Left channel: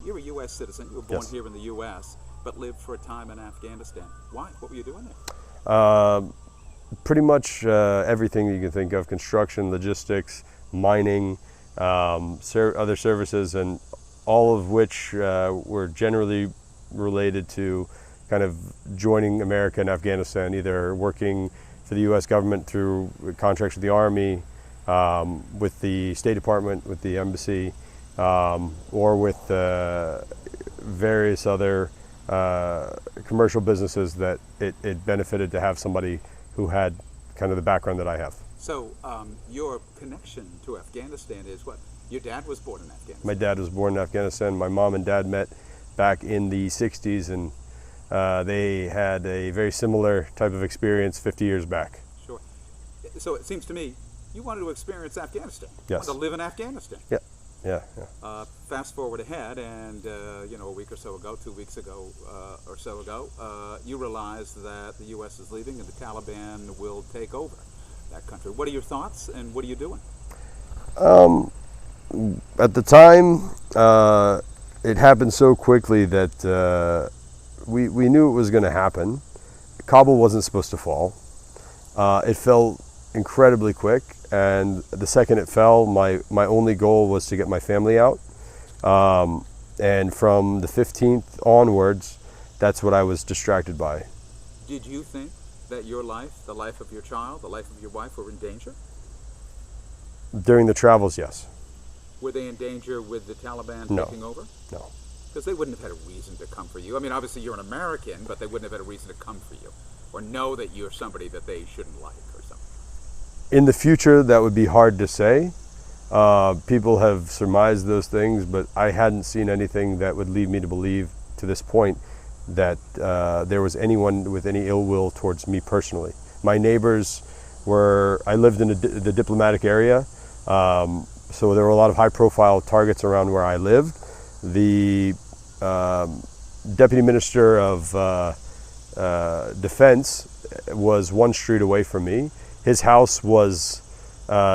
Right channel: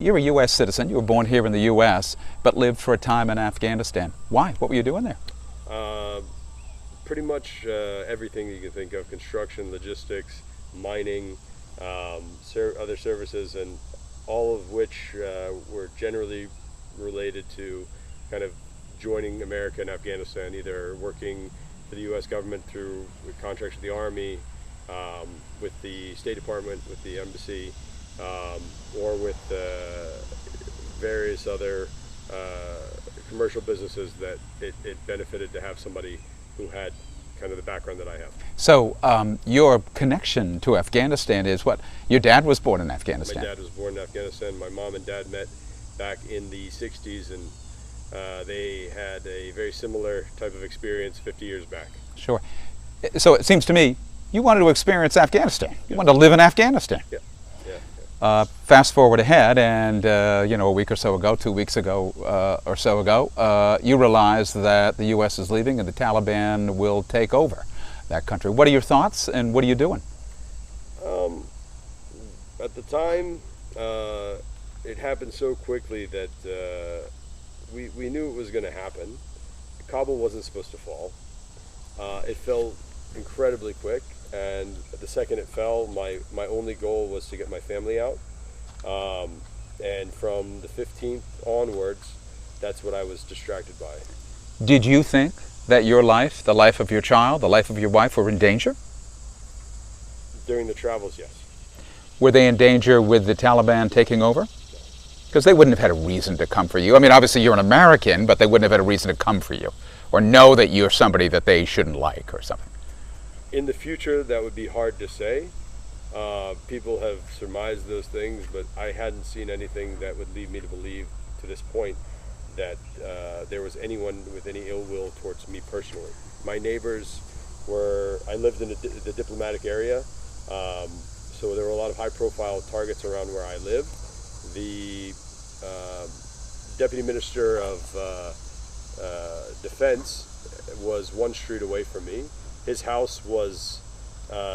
You're a U.S. citizen. You were born here in the U.S., but lived for a time in Afghanistan. Why? What were you doing there? Pretty much everything you can think of: construction, logistics, mining, other services, and all of which were generally related to kind of joining America and Afghanistan, either working for the U.S. government through contracts with the Army, with the State Department, with the embassy, or with various other commercial businesses that it benefited to have somebody who had kind of the background that I have. So your connection to Afghanistan is what? Your dad was born in Afghanistan. My dad was born in Afghanistan. My mom and dad met back in the 60s, and they had a very similar type of experience 50 years back. Sure. So it seems to me you wanted to experience Afghanistan. You Yes. wanted to live in Afghanistan. Yeah. Fast forward ahead, and a week or so ago, 2 weeks ago or so ago, you realized that the U.S. is leaving and the Taliban will take over that country. What are your thoughts, and what are you doing? At the time, it happened so quickly that we knew it was going to happen. Kabul wasn't supposed to fall. It fell incredibly quick, and the second it fell, my only goal was to get my family out. And from the 15th onwards, that's what I was distracted by. Did you think that your life, the life of your child, the life of your wife were in danger? During the travels, yes. Were they in danger with the Taliban taking over? No. Because they wouldn't have had a reason to come for you. I mean, obviously you're an American, but they wouldn't have had a reason to come for you or know that you're somebody that they shouldn't like or something. In the future, that would be hard to say. People have surmised those things, but I hadn't seen anything that would lead me to believe to this point that there was anyone with any ill will towards me personally. My neighbors I lived in the diplomatic area, so there were a lot of high-profile targets around where I lived. The Deputy Minister of Defense was one street away from me. His house was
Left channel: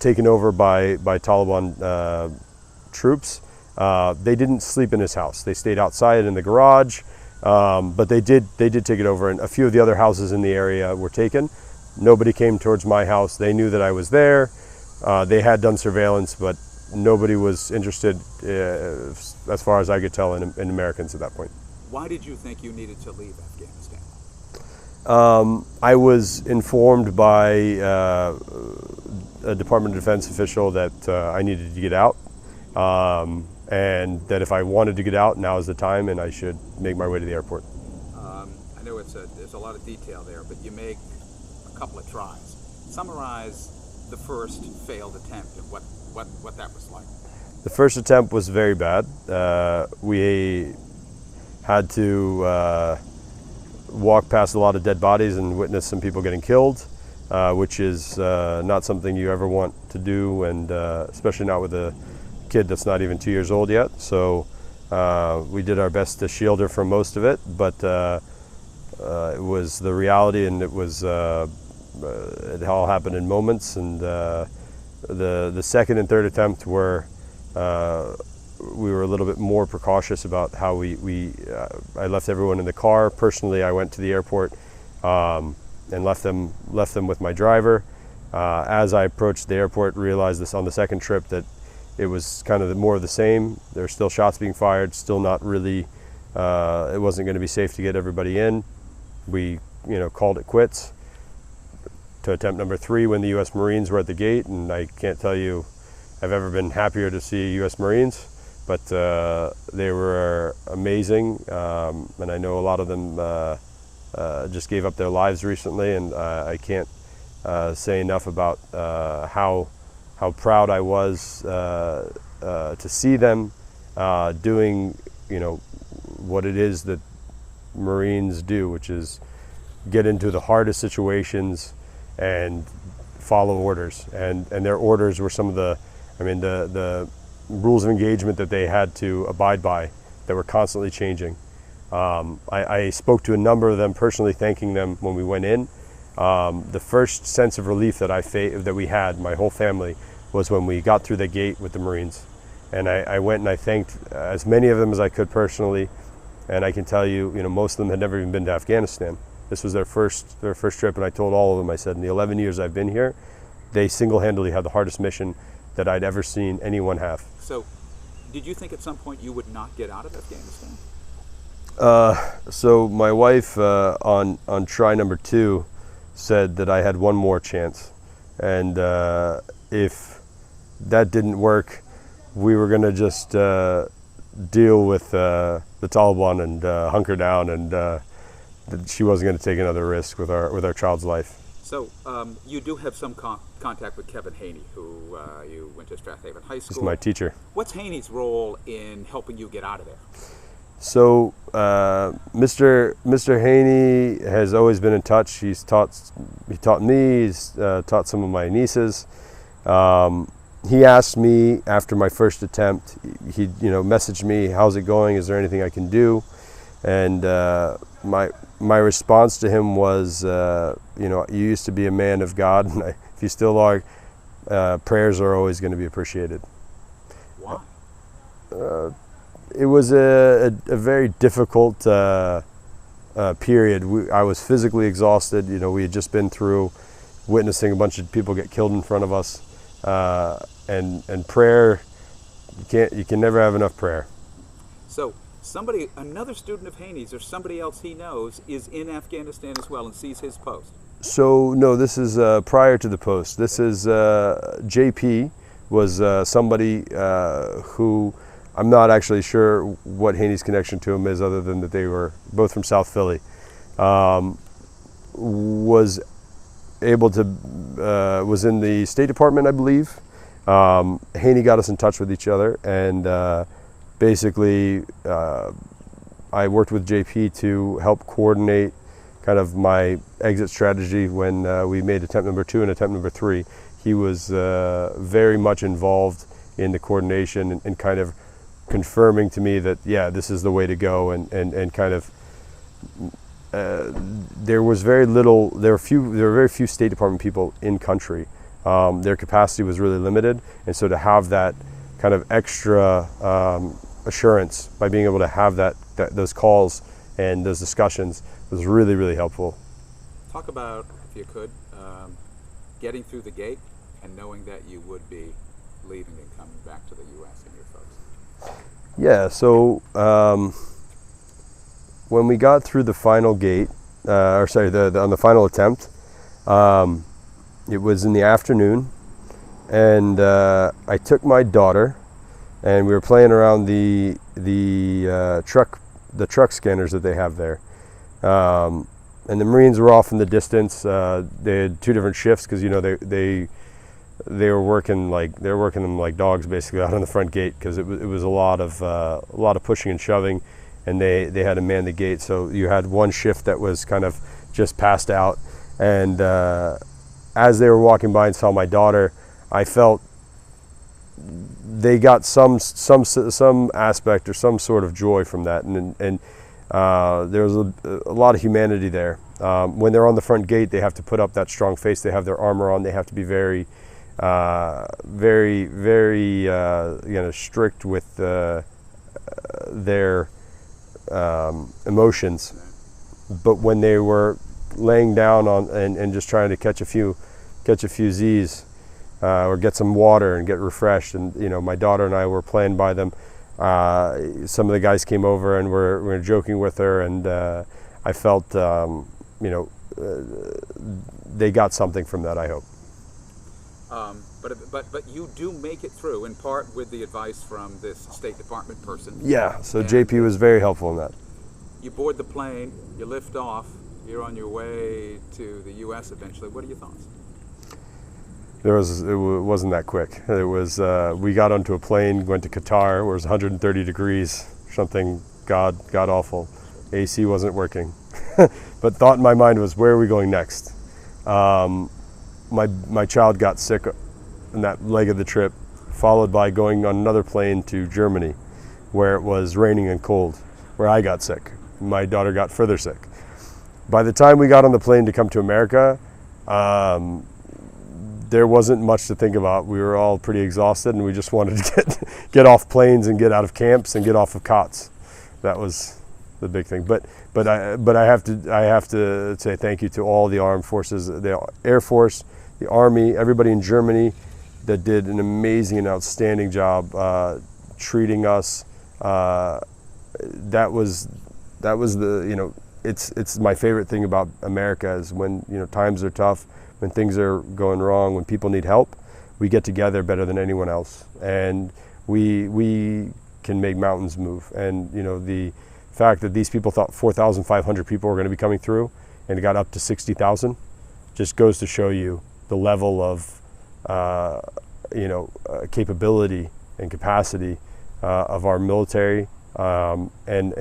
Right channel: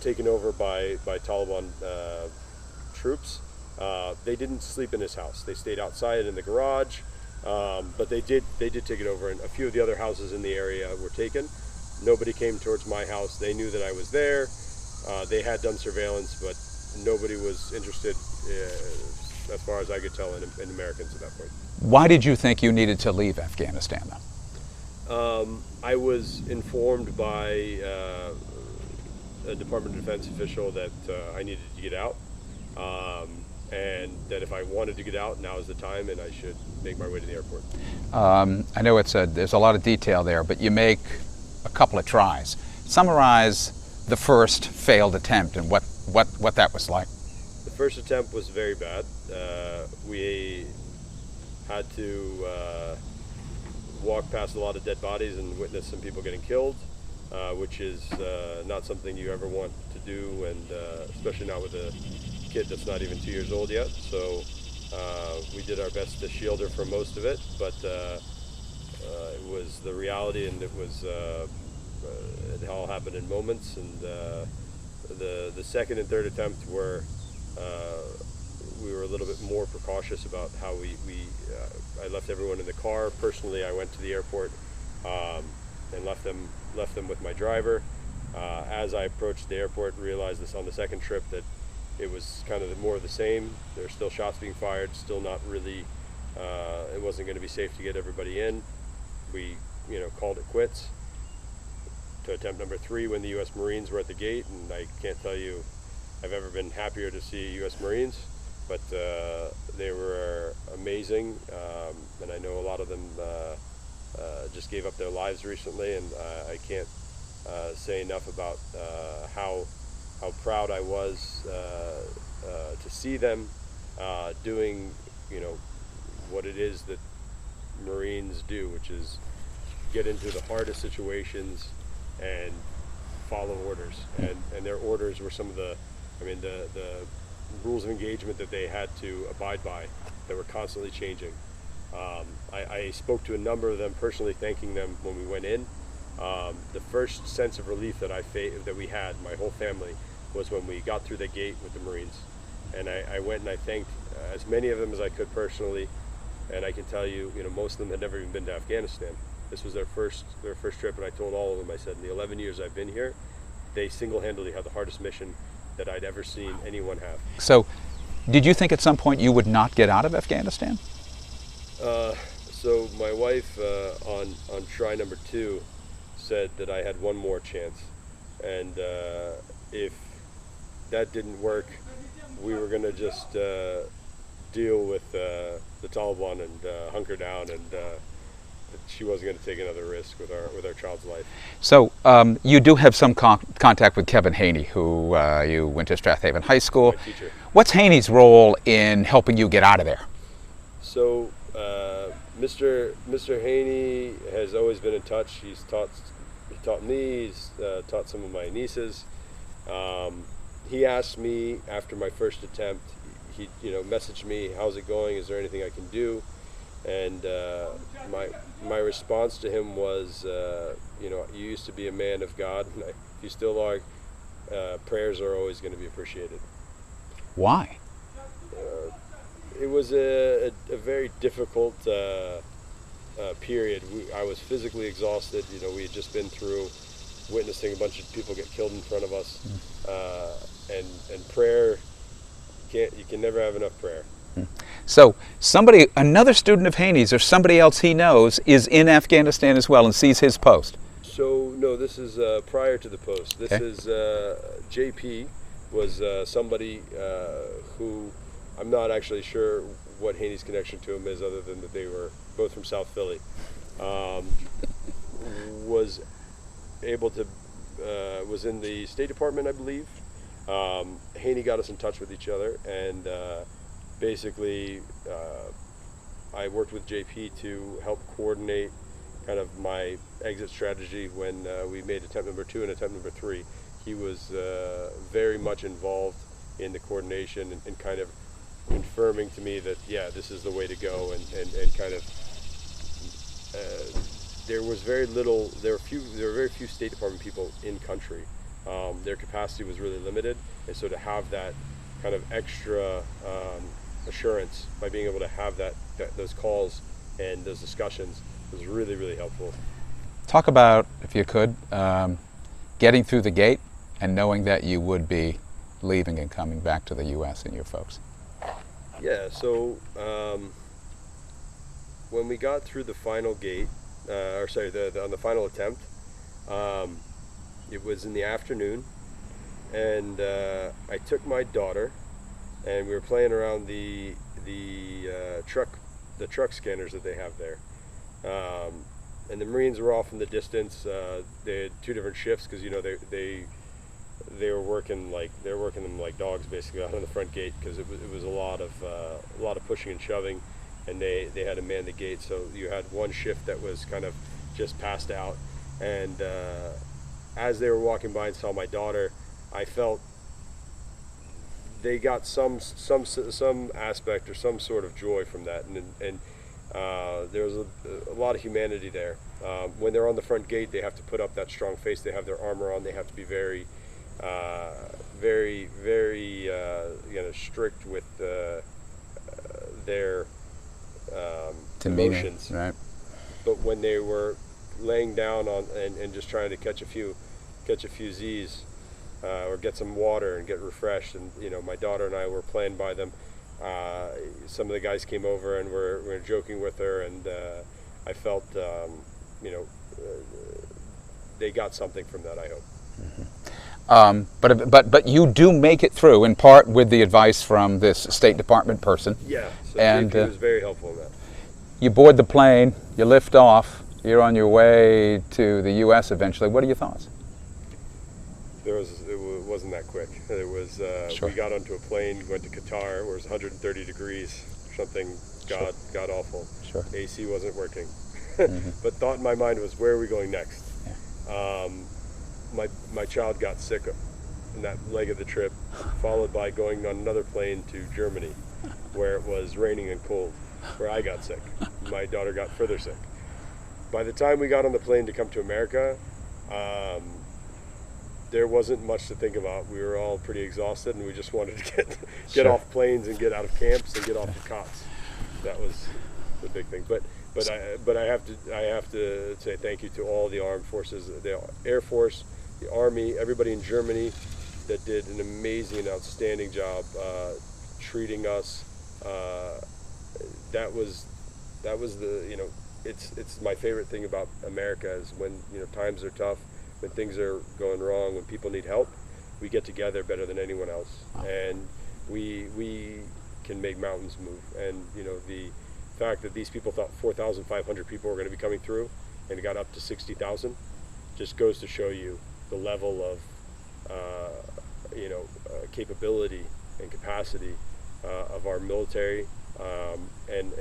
taken over by Taliban troops. They didn't sleep in his house. They stayed outside in the garage, but they did take it over. And a few of the other houses in the area were taken. Nobody came towards my house. They knew that I was there. They had done surveillance, but nobody was interested, as far as I could tell, in Americans at that point. Why did you think you needed to leave Afghanistan, though? I was informed by a Department of Defense official that I needed to get out, and that if I wanted to get out, now is the time, and I should make my way to the airport. I know there's a lot of detail there, but you make a couple of tries. Summarize the first failed attempt and what that was like. The first attempt was very bad. We had to walk past a lot of dead bodies and witness some people getting killed, which is not something you ever want to do, and especially not with a kid that's not even 2 years old yet. So we did our best to shield her from most of it, but it was the reality, and it all happened in moments. And the second and third attempt we were a little bit more precautious about how I left everyone in the car. Personally, I went to the airport and left them with my driver. As I approached the airport, realized this on the second trip that it was kind of more of the same. There's still shots being fired, still not really, it wasn't going to be safe to get everybody in. We called it quits to attempt number 3 when the U.S. Marines were at the gate, and I can't tell you I've ever been happier to see U.S. Marines. But they were amazing, and I know a lot of them just gave up their lives recently, and I can't say enough about how proud I was to see them doing what it is that Marines do, which is get into the hardest situations and follow orders. And their orders were some of the rules of engagement that they had to abide by that were constantly changing. I spoke to a number of them personally, thanking them when we went in. The first sense of relief that we had, my whole family, was when we got through the gate with the Marines, And I went and I thanked as many of them as I could personally. And I can tell you, most of them had never even been to Afghanistan. This was their first trip, and I told all of them, I said, in the 11 years I've been here, they single-handedly had the hardest mission that I'd ever seen anyone have. So, did you think at some point you would not get out of Afghanistan? So my wife on try number 2 said that I had one more chance, and if that didn't work, we were going to just deal with the Taliban and hunker down, and that she wasn't going to take another risk with our child's life. So you do have some contact with Kevin Haney, who you went to Strathaven High School. He's my teacher. What's Haney's role in helping you get out of there? So Mr. Haney has always been in touch. He taught me. He's taught some of my nieces. He asked me after my first attempt. He messaged me, "How's it going? Is there anything I can do?" And my response to him was, you used to be a man of God, and if you still are, prayers are always going to be appreciated. Why? It was a very difficult period. I was physically exhausted. We had just been through witnessing a bunch of people get killed in front of us, and prayer. You can never have enough prayer. So another student of Haney's or somebody else he knows is in Afghanistan as well and sees his post. So no, this is prior to the post. This is JP was somebody who, I'm not actually sure what Haney's connection to him is, other than that they were both from South Philly. Was able to was in the State Department, I believe. Haney got us in touch with each other, and basically I worked with JP to help coordinate kind of my exit strategy when we made attempt number 2 and attempt number 3. He was very much involved in the coordination and kind of confirming to me that, yeah, this is the way to go, and kind of there were very few State Department people in country. Their capacity was really limited, and so to have that kind of extra assurance by being able to have those calls and those discussions was really, really helpful. Talk about, if you could, getting through the gate and knowing that you would be leaving and coming back to the U.S. and your folks. Yeah, so when we got through the final gate, on the final attempt, it was in the afternoon, and I took my daughter, and we were playing around the truck scanners that they have there, and the Marines were off in the distance. They had 2 different shifts because they were working them like dogs basically out on the front gate, because it was a lot of pushing and shoving, and they had to man the gate. So you had one shift that was kind of just passed out, and as they were walking by and saw my daughter, I felt they got some aspect or some sort of joy from that, and there was a lot of humanity there. When they're on the front gate, they have to put up that strong face. They have their armor on. They have to be very, very strict with their emotions. Right. But when they were laying down on and just trying to catch a few Z's, or get some water and get refreshed, and my daughter and I were playing by them. Some of the guys came over and were joking with her, and I felt they got something from that, I hope. But you do make it through, in part with the advice from this State Department person. Yeah, so JP was very helpful in that. You board the plane, you lift off, you're on your way to the U.S. eventually. What are your thoughts? It wasn't that quick. It was Sure. We got onto a plane, went to Qatar, where it was 130 degrees, something god awful. Sure. AC wasn't working. But thought in my mind was, where are we going next? My child got sick in that leg of the trip, followed by going on another plane to Germany, where it was raining and cold, where I got sick. My daughter got further sick. By the time we got on the plane to come to America, there wasn't much to think about. We were all pretty exhausted, and we just wanted to get off planes and get out of camps and get off of cots. That was the big thing. But I have to say thank you to all the armed forces, the Air Force, the Army, everybody in Germany that did an amazing and outstanding job treating us. That was the, it's my favorite thing about America is when times are tough, when things are going wrong, when people need help, we get together better than anyone else, and we can make mountains move. And the fact that these people thought 4,500 people were going to be coming through, and it got up to 60,000, just goes to show you the level of capability and capacity of our military. And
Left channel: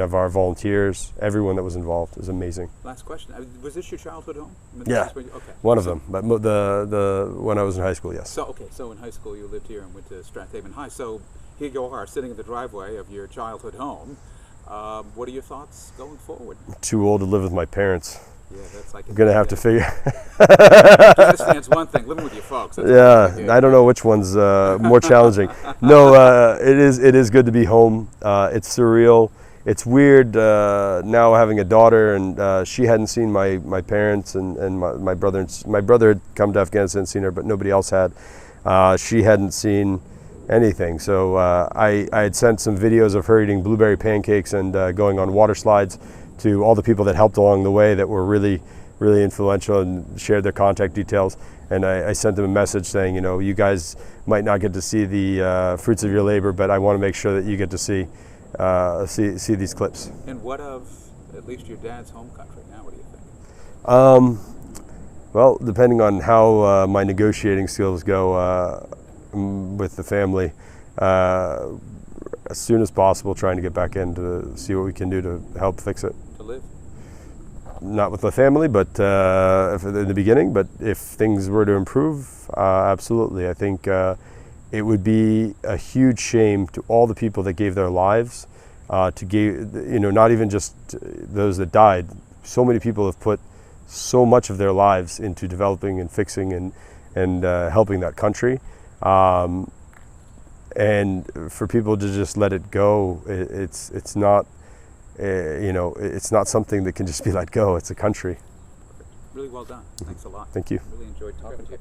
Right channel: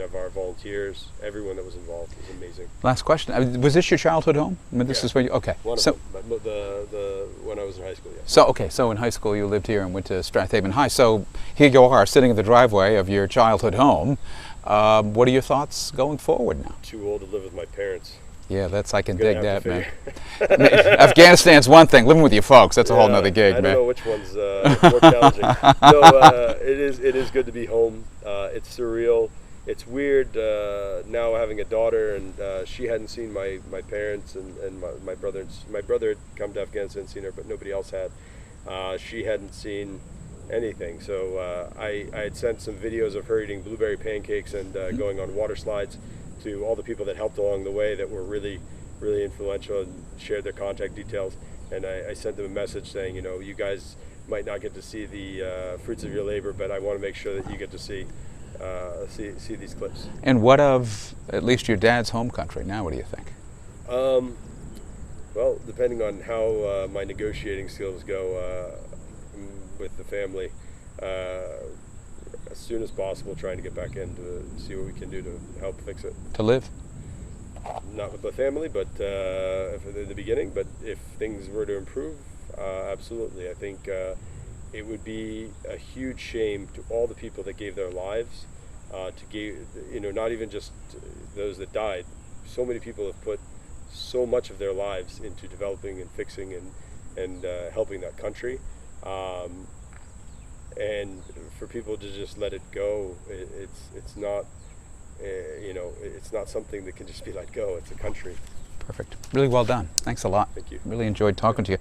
of our volunteers, everyone that was involved is amazing. Last question: was this your childhood home? I mean, this is where okay. One of them, but when I was in high school, yes. So in high school you lived here and went to Strathaven High. So here you are, sitting in the driveway of your childhood home. What are your thoughts going forward now? Too old to live with my parents. Yeah, that's I can. Gonna have to figure. Afghanistan's one thing. Living with your folks, that's a whole other gig. I don't know which one's more challenging. No, it is good to be home. It's surreal. It's weird now having a daughter, and she hadn't seen my parents and my brother. My brother had come to Afghanistan and seen her, but nobody else had. She hadn't seen anything. So I had sent some videos of her eating blueberry pancakes and going on water slides to all the people that helped along the way that were really, really influential and shared their contact details. And I sent them a message saying, you guys might not get to see the fruits of your labor, but I want to make sure that you get to see these clips. And what of at least your dad's home country? Now, what do you think? Well, depending on how my negotiating skills go with the family, as soon as possible, trying to get back in to see what we can do to help fix it. To live? Not with the family, but in the beginning. But if things were to improve, absolutely. I think it would be a huge shame to all the people that gave their lives, to give, not even just those that died. So many people have put so much of their lives into developing and fixing and helping that country. And for people to just let it go, it's not, it's not something that can just be let go. It's a country. Perfect. Really well done. Thanks a lot. Thank you. Really enjoyed talking to you.